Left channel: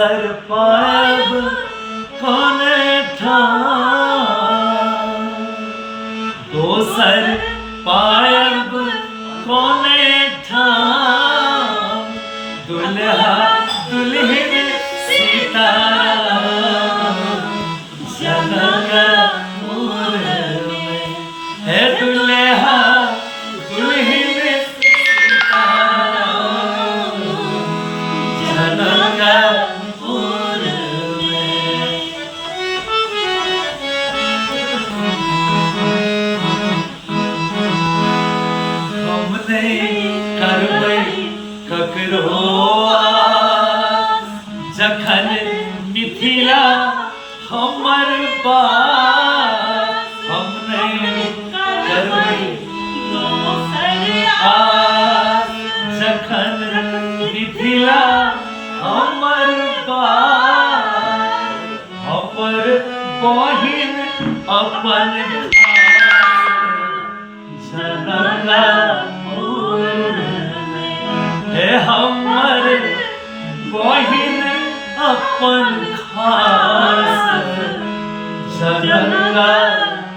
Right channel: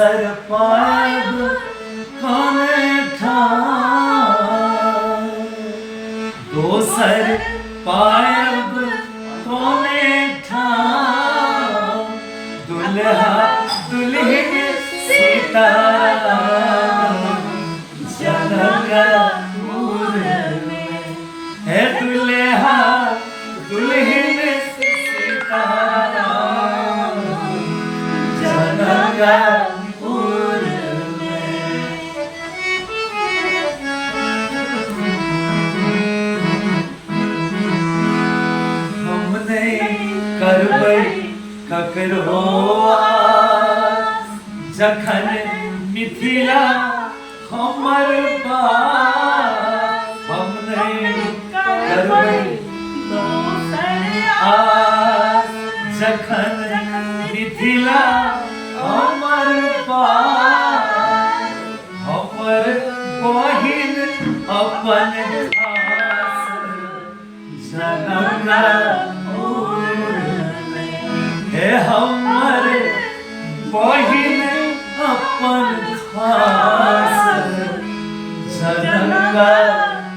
दोसर पायब कोने ठाम, दोसर पायब कोने ठाम, दुल्हा दुल्हन सीताराम जनकपुर में। है दुल्हा दुल्हन सीताराम जनकपुर में। हमने करबै ककरो आस, जखन मिथिला हमर बात। हमने करबै आस, जखन मिथिला हमर बात। हमर बहिन अपन खास जनकपुर में। हे हमर बहिन अपन खास जनकपुर